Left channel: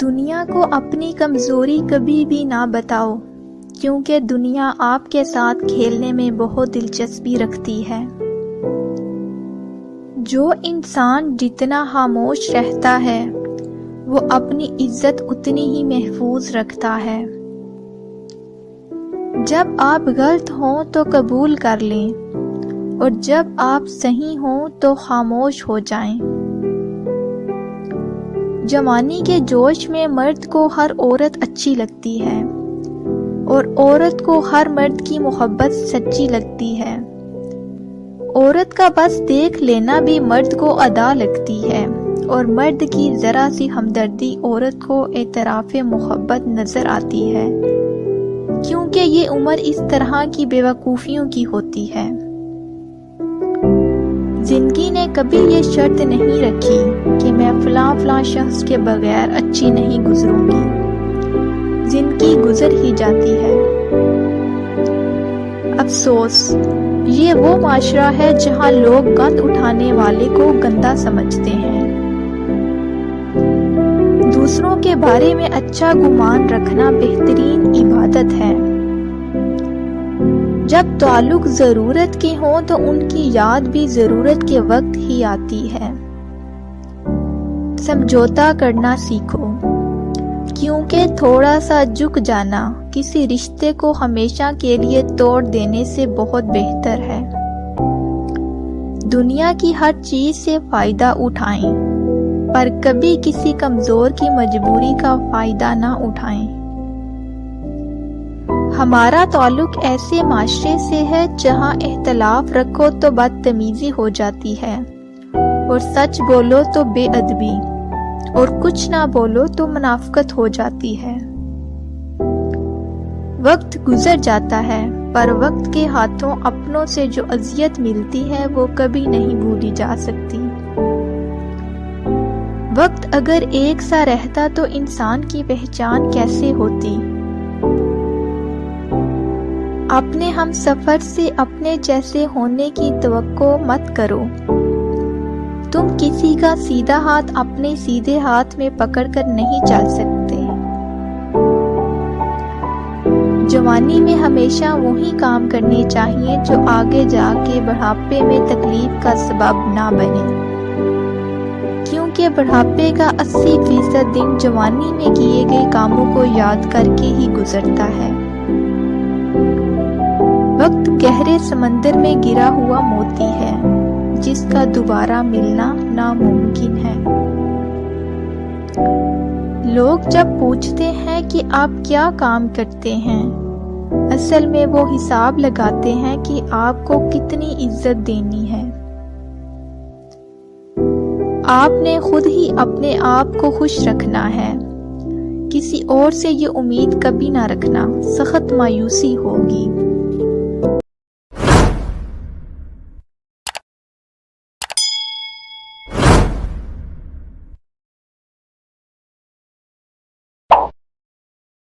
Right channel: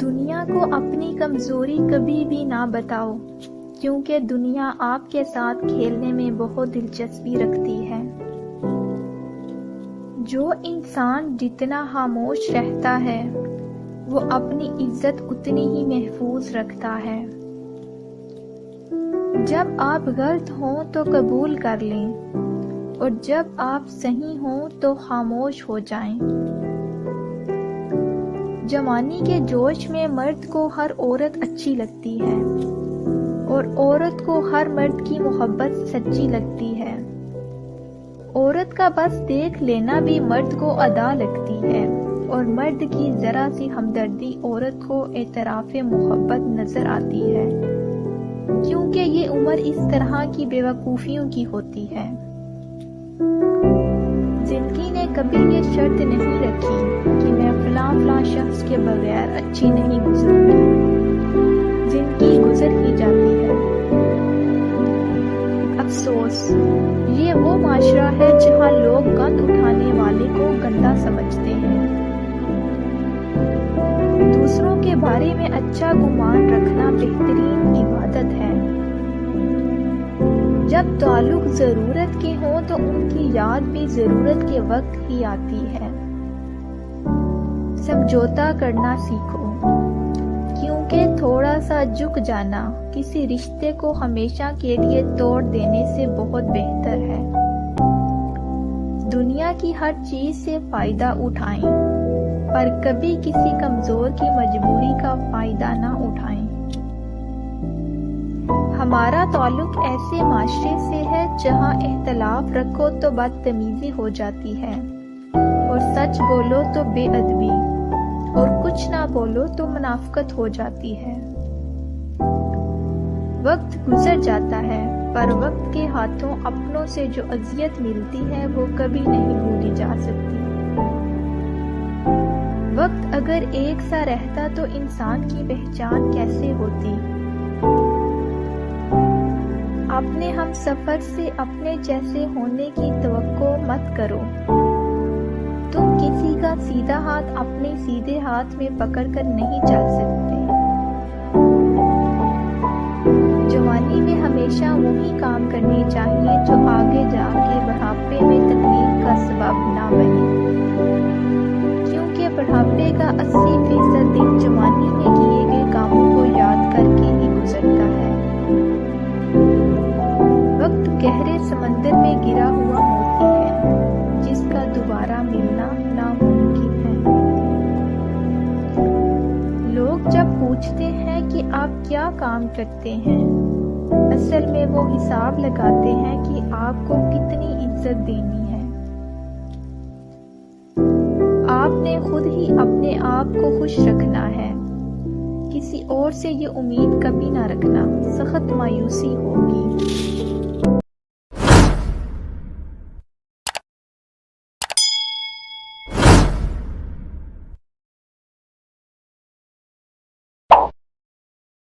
دنیا کو اپنی کمزوری کبھی بھی نہ بتاؤ، کیونکہ دنیا آپ کے ساتھ کھیلنے میں بہت دلچسپی رکھتی ہے۔ جو انسان جتنا خاموش رہتا ہے وہ اپنی عزت اتنی ہی محفوظ رکھتا ہے۔ جب آپ غلط ہوں تو قبول کر لیں، اور جب آپ صحیح ہوں تو خاموش ہو جائیں۔ جوانی کے جوش میں مرد کو ہر عورت اچھی لگتی ہے، اور عورت کو ہر مرد کی محبت سچی لگتی ہے۔ عورت کا بس دیکھ لینا بھی مرد کو ادا لگتی ہے، اور مرد کی ذرا سی ہمدردی عورت کو اعتراف محبت نظر آتی ہے، کیونکہ یہ عمر اس طرح کی بے وقوفیوں کی ہوتی ہے۔ زندگی نے کبھی یہ شرط نہیں رکھی کہ میں فلاں شخص کے بغیر اچھی نہیں گزروں گی، زندگی گزر ہی جاتی ہے۔ افسوس، یہ وہ معاشرہ ہے جہاں لوگ گند اٹھانے والے کو گندا سمجھتے ہیں۔ دوسروں کے بارے میں اچھا گمان رکھنا بہترین عبادت ہے۔ جب تعلق ضرورت کے ہوں تو ان کی یاد بھی ضرورت کے وقت ہی آتی ہے۔ سمجھوتا کرنا سیکھو، کیونکہ تھوڑا سا جھک جانا کسی رشتے کو ہمیشہ کے لیے توڑ دینے سے بہت بہتر ہے۔ دنیا کی ہر چیز سے فائدہ اٹھائیں، پر کبھی کسی کمزور کی مجبوری کا فائدہ نہ اٹھائیں۔ ہمارا تعلق ایسے معاشرے سے ہے جہاں اختلاف رکھو تو بدتمیزی ہو جاتی ہے، اور سچ بولو تو بے ادبی، اور کچھ نہ بولو تو منافقت ہو جاتی ہے۔ وقت گزر جاتا ہے، پر وقت کے ہاتھوں اپنوں سے جو اذیت ملتی ہے وہ کبھی نہیں بھولی جا سکتی۔ وقت اگر ایک سا رہتا تو انسان کی پہچان کیسے ہوتی؟ اپنے ہم سفر سے اپنے جیسے ہونے کی توقع مت کرو۔ تم کسی کا سیدھا ہاتھ اپنے سیدھے ہاتھ میں پکڑ کر نہیں چل سکتے۔ جوانی میں ہمیشہ وہی کام کرنے چاہیے جو آگے جا کے بڑھاپے میں تکلیف کا سبب نہ بنے، کیونکہ بڑھاپے کا 80% دن جوانی میں کیے گئے کاموں کو یاد کر کے ہی گزرتا ہے۔ وقت گہرے سمندر میں گرا ہوا موتی ہے، جس کا دوبارہ ملنا ناممکن ہے۔ لوگ جب پوچھتے ہیں کہ آپ کیا کام کرتے ہیں، اصل میں وہ حساب لگاتے ہیں کہ آپ کو کتنی عزت دینی ہے۔ آپ نے خود ہی اپنے آپ کو خوش رکھنا ہے، کسی اور سے یہ امید کبھی نہ رکھنا، سخت مایوسی ہوگی۔